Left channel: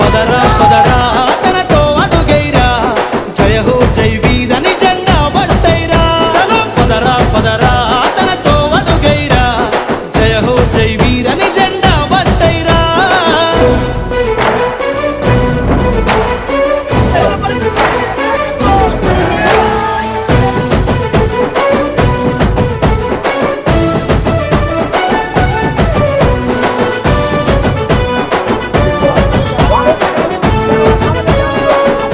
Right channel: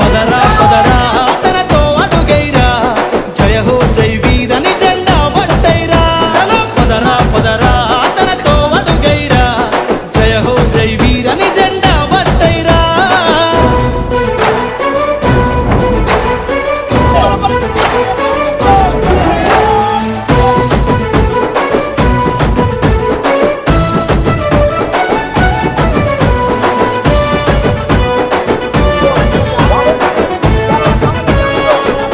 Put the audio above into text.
పదరా పదరా తనతో అడుగైరా జయ హో జై వీరని జెండా పట్టైరా చలో పదరా పదరా తనతో అడుగైరా జయ హో జై వీరని